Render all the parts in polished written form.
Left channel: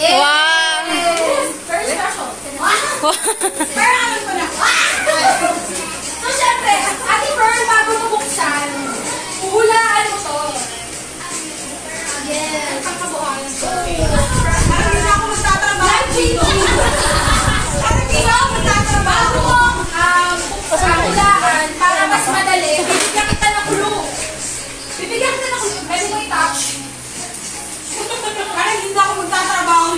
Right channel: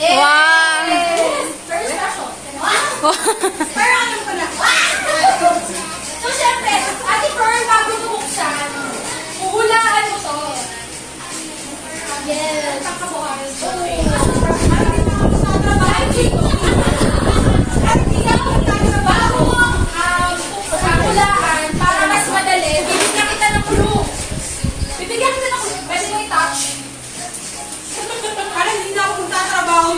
Wow! Very special. Pero ano pa na? So, syempre, Ate Pearl, bago bubuksan, huhulaan mo to. Yes. Pagkabuhan. Ano na ako magtatrabaho? Ano na ako magtatrabaho? Hulaan, para mas madali. Bibigyan kita ng kulong. Bibigyan kita ng kulong. Pwede mo i-touch. Para hindi na ako magtatrabaho.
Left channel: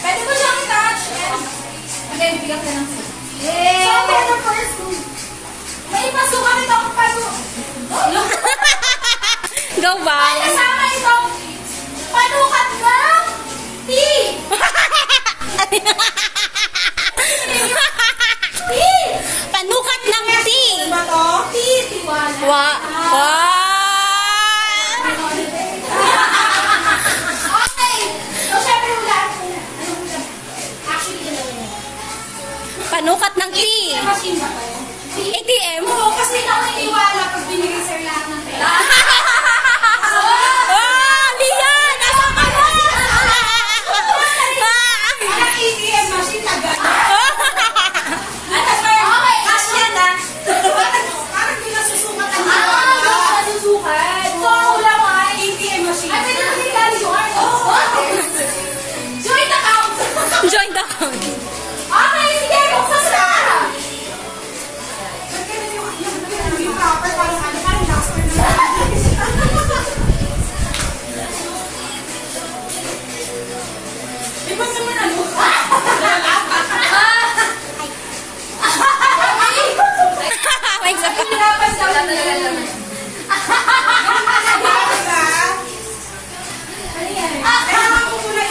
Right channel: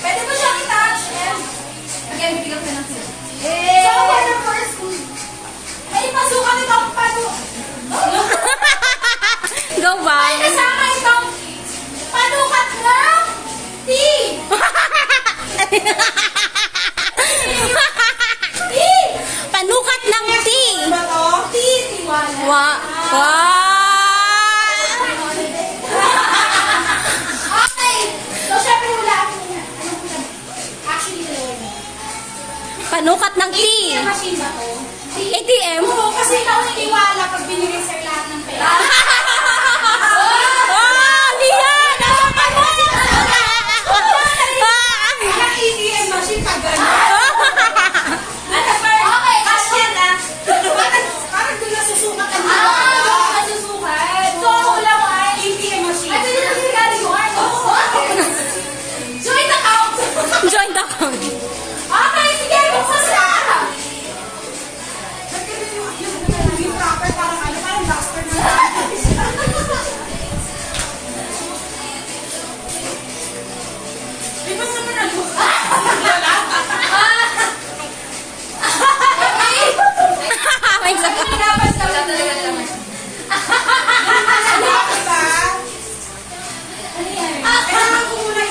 Pwede mo siyang i-touch. Again, bibigyan kita ng kulong. So, for the first one, may pasukan ito ang panukat. Go ba? May kasama ito panukat ng tea. Panukat ng tea. Ano to? Tea, tiwala. Wow. Okay. So, syempre hulaan mo muna. Ano muna? Actually, dalawa. Panukat ng tea. ATM machine ba ko? ATM? Oo, kasi ikaw naiiwala pag binigay sa lahat ng pera. Oh, Leon! Nasa ka mo? Ang ATM machine na gano'n. At okay, kasi na. Parang di nasusukat ang nasusukat. So, ang hula mo ay ATM machine. At hindi nagigari yun. Joint account. Joint account. Okay, sige, buksan na. Yung proper, parang master na. Di ba sa mga luka? May saka.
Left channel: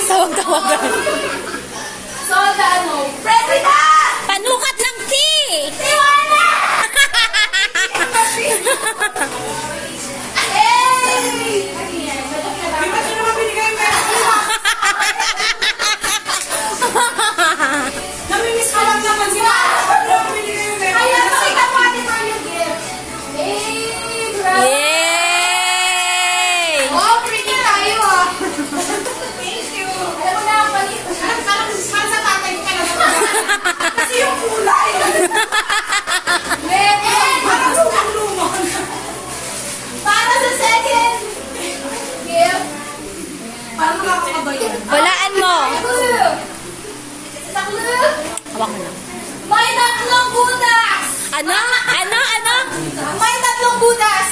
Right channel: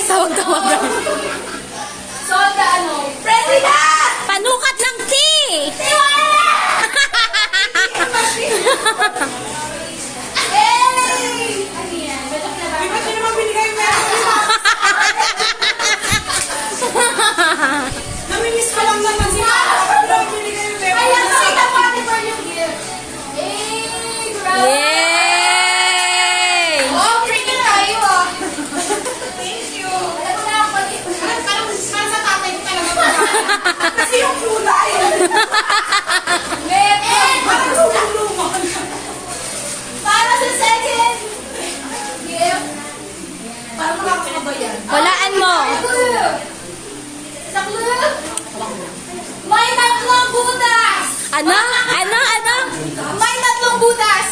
Tawag-tawagan. So, ano? President! Panukat ng tea! Tiwala! Hey! Ano yan? May machine naman binigay mo. Namimiss ka lang naman siya. Kaya makita mo Ate Pearl yung gift. Hey! Bravo! Yay! Wow, pretty tayo ah. Thank you. Alam mo na ako pag sa tatay ka na naman. Kasi yung kulay. Para sa second gift. Para makakabayan. Walaan mo. Sa clue. Hawak mo lang. May tatlong butas. Ano? Ano? Ano? May tatlong butas.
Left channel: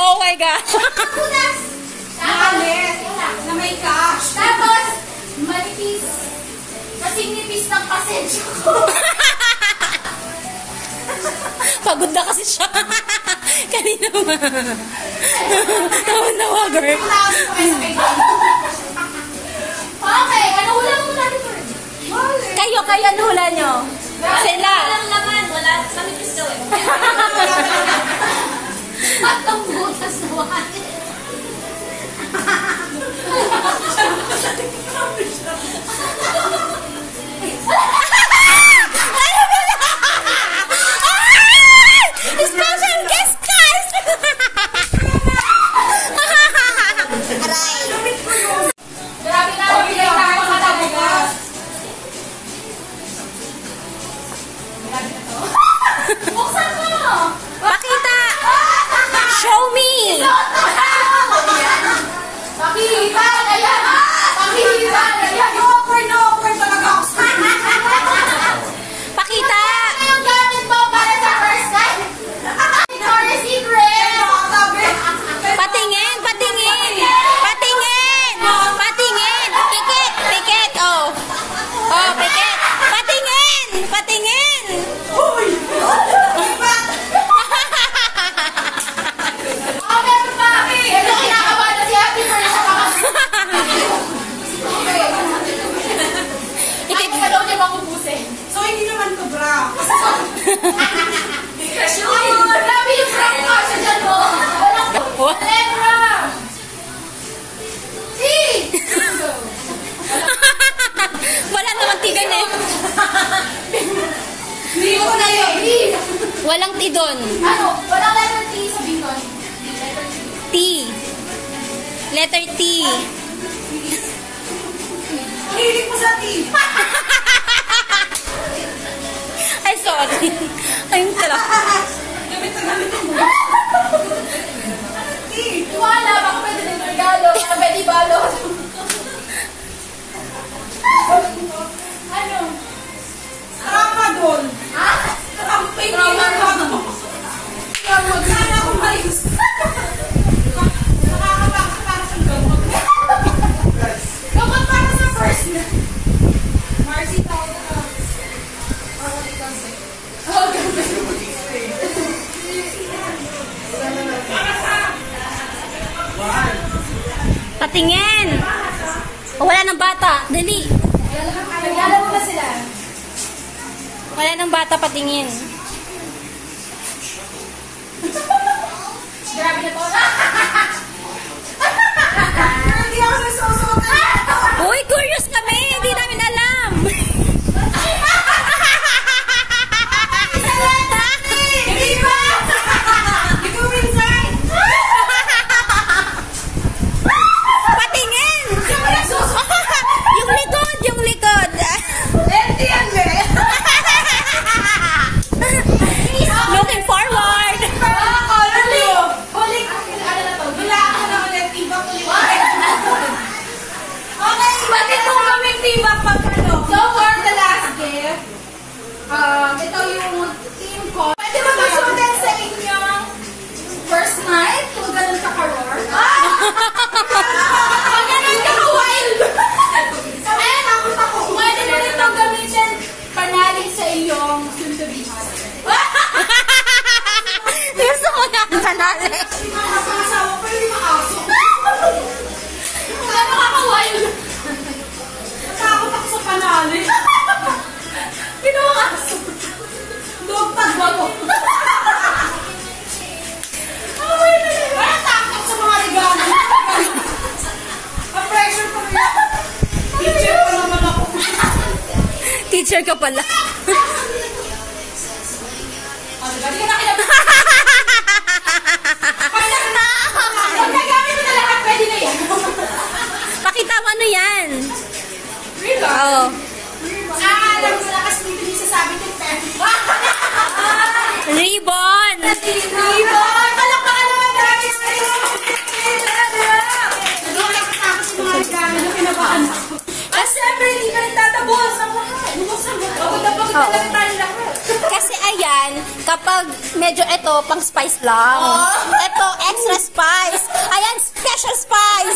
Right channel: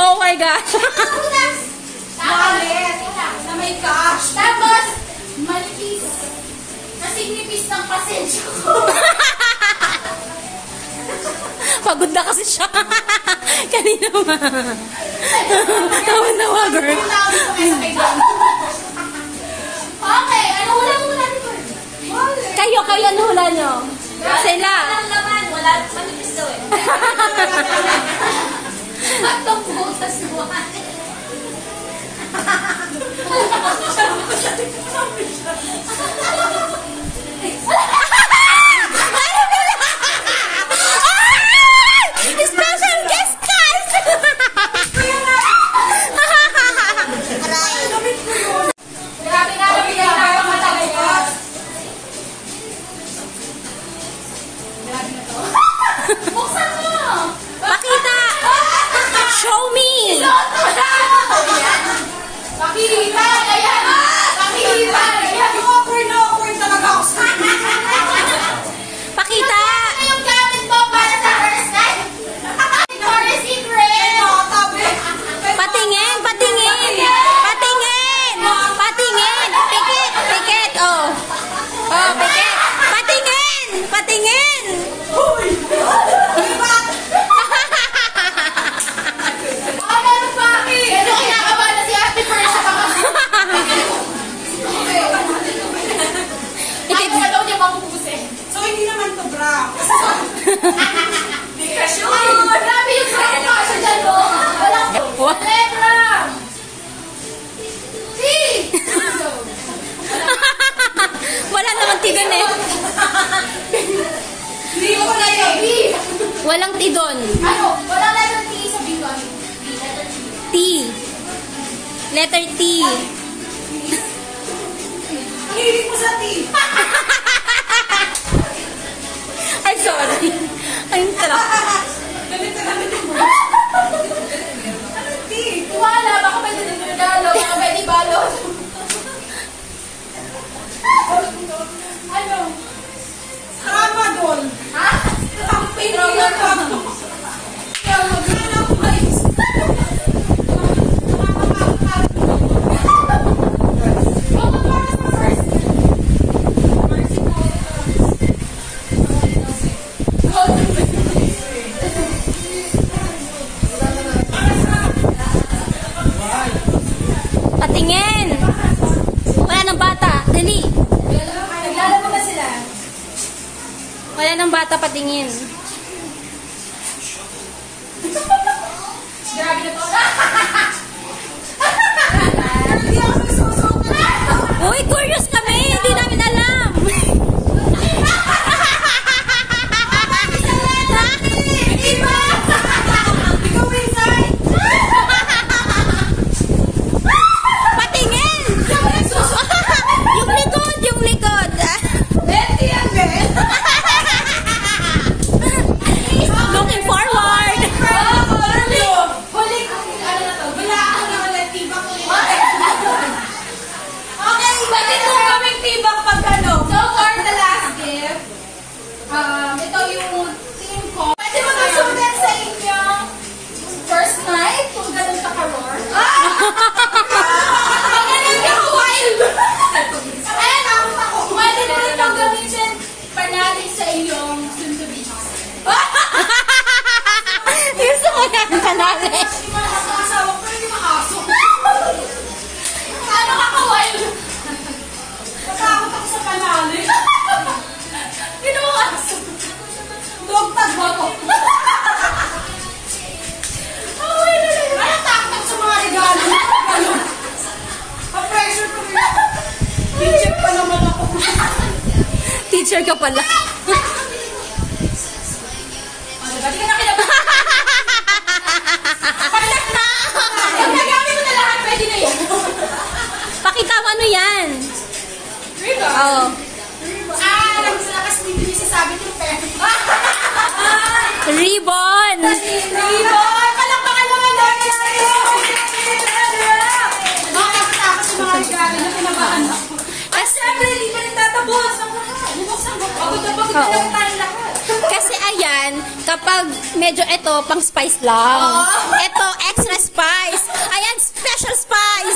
Oh my gosh. Butas. Malit. Na may cash. Tapos, manipis. Kasing nipis ng pasensya ko. Pagod na kasi siya. Kanina ma. Nawa, girl. Okay, ano hula mo muna dito? Kayo, ano hula nyo? Sila. Walang naman, wala. Manipis daw eh. Patong butas naman. Special guest cast! Grabe na, mabigay tayo matabukas. Buksan mo! Pakita! Show me! Isuot mo na! Pakita! Ayan! Pakita! Ayan! Awkward talaga ako sa Pakita! Ano yung gamit mo para sa first night? Victoria's Secret! Patingin! Patingin! Patingin! Patingin! Pikit! Pikit! Oh! Oh, pikit! Patingin! Patingin! Uy! Meron pa kami! Ito kinakabahan na si Ate Pearl sa Pikit! Ano daw niya makubusin? So, hindi naman to bra. Because you grabe yung friend mo sa dyan mo. What? Letra! T! Wala naman tigan eh. Hindi ko na yun. B! Walang tidon. Ano? Wala letter T sa B doon. T. Letter T. Hilig mo sa T. Ay, sorry. Ayun talaga. Gamit na mo. T. Wala, baka pwede ng regalo. Baka pwede balot. Ano? Nakapagol. Ha? Ang pinila ko. Kaya mag-gana ko kayo. Kapag para sa first na. Marcy Patingin. Wala ng bata. Dali. Kilala mo ba sila? Wala ng bata, patingin. Grabe na to. Hindi ako nagsusuot. Uy, curious kami. Hindi namin alam. Hindi ba? Ikaw, Windsor. Patingin. Yung likod, yung likod. Lefty yan, girl. Looking forward. Color blue. Huli, ano na to? Gulaan na ulit. Tibak ulit. Okay, batid mo kaming tibak pagkano. So for the last gift, ito yung team ko. Pwede mo nasulat sa inyong first night kung ganun ka ka-roar. Pag ganun ka ka-wild. Eh, nakot ako. Pwede na rin itong gamitin panali sa iyong soon-to-be Gusto ko na ang kanali. asawa ko yung mga aso. Ano ka ka-wild? Natakot ako sa panali. Ginawa aso. Dog tag mo ako. Parang takot sa mga regalo. Pa-pressure ko rin. Teacher pa naman ako. Teacher ka pala. Gabi ka na kaya. Pag nagamit mo na lahat, pwede na yan. Pakita mo ano yan. Ribbon? Oo. Alam mo na kasi dito yung sasabi kong pen. Ribbon. Ribbon! Palakpakan naman natin sa'yo! Nakakatakot sa mga regalo na pinabaan ako. At siyempre, hindi pa rin tatabuhan sa mga. Bubuksan mo. Pagod na pagod na lang tayo lahat. Kasi ayan, kapag medyo ito, pang spice lang. Ito, extra spice. Ayan, special spice.